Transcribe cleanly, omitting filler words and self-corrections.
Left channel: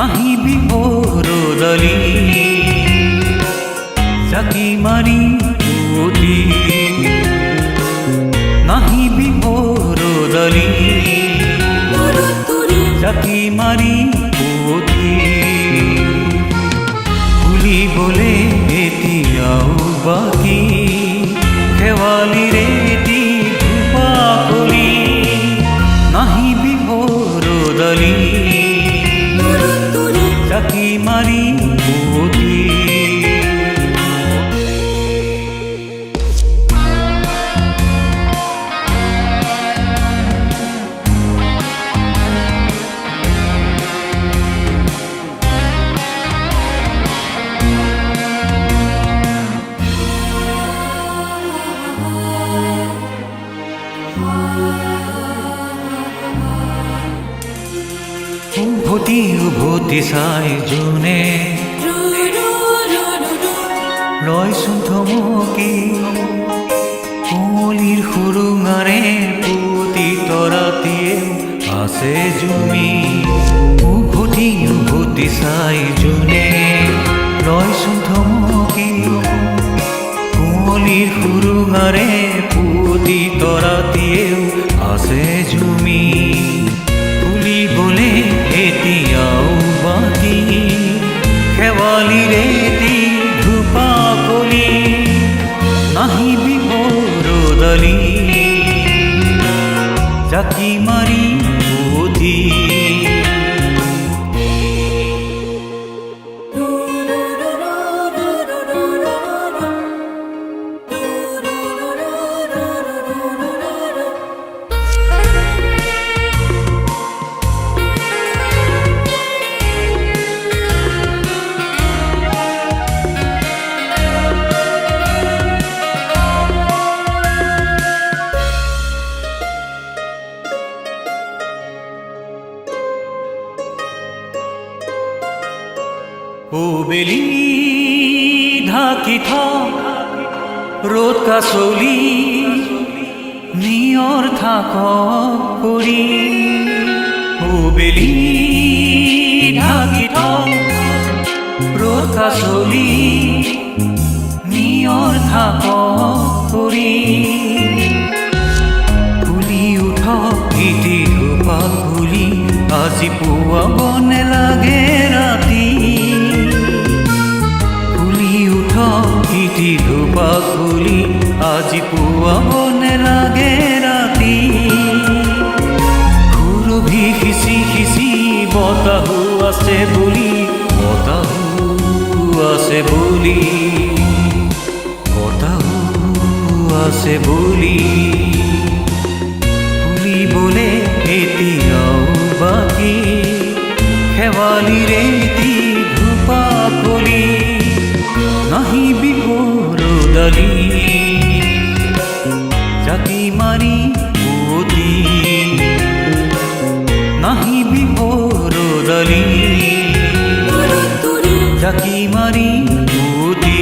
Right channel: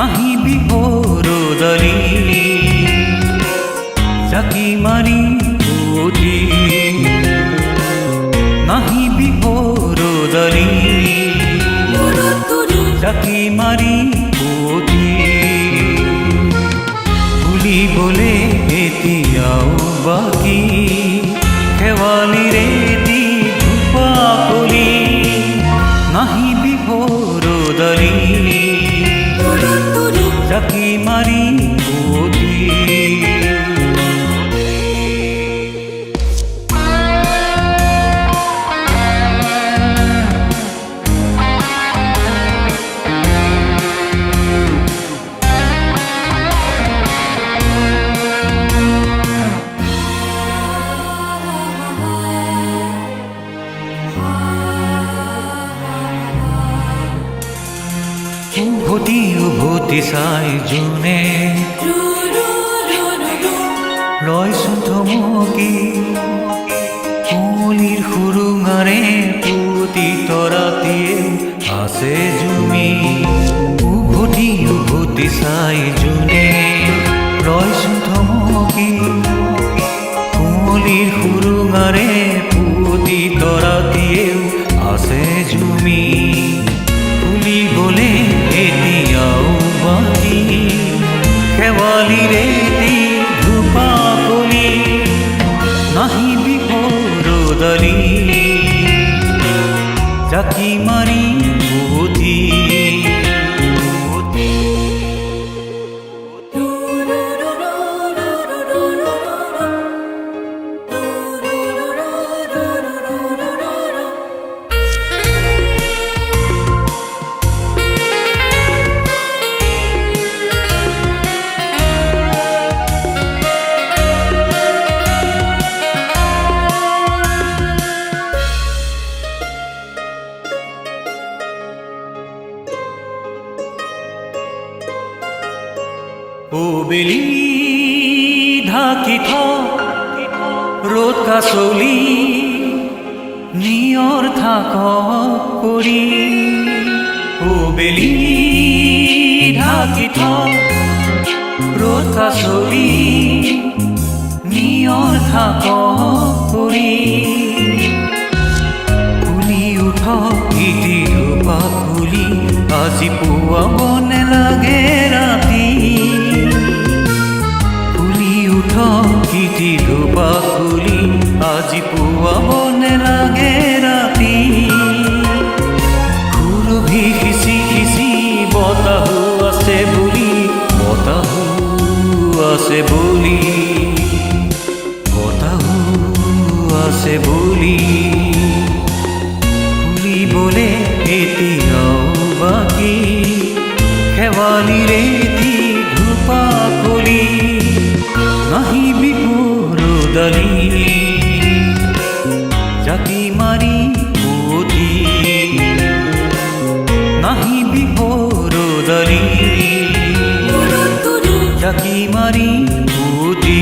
নাহি বিহৰদালি জাকি মাৰি পুতি নাহি বিহৰদালি জাকি মাৰি পুতি ভুলিবলে এতিয়াও বাকী শেৱালিৰে এটি ধূপাকলি নাহি বিহৰদালি জাকি মাৰি পুতি উভতি উভতি চাই যোনে ৰয়চোন থমকি কুঁৱলীৰ সুৰুঙাৰে পুতি তৰাতিয়েও আছে জুমি উভতি উভতি চাই যোনে ৰয়চোন থমকি কুঁৱলীৰ সুৰুঙাৰে পুতি তৰাতিয়েও আছে জুমি ভুলিবলে এতিয়াও বাকী শেৱালিৰে এটি ধূপাকলি নাহি বিহৰদালি জাকি মাৰি পুতি ও বেলি ঢাকি থাক ৰ'দ কাচলি নিয়ৰ থাকক পৰি ও বেলি ঢাকি থাক ৰ'দ কাচলি নিয়ৰ থাকক পৰি ফুলি উঠক ইটি ধূপাকলি আজি পুৱাব নেলাগে ৰাতি ফুলি উঠক ইটি ধূপাকলি আজি পুৱাব নেলাগে ৰাতি সুৰভি সিঁচি সিঁচি বতাহো আছে বুলি বতাহো আছে বুলি বতাহো আছে বুলি ভুলিবলে এতিয়াও বাকী শেৱালিৰে এটি ধূপাকলি নাহি বিহৰদালি জাকি মাৰি পুতি নাহি বিহৰদালি জাকি মাৰি পুতি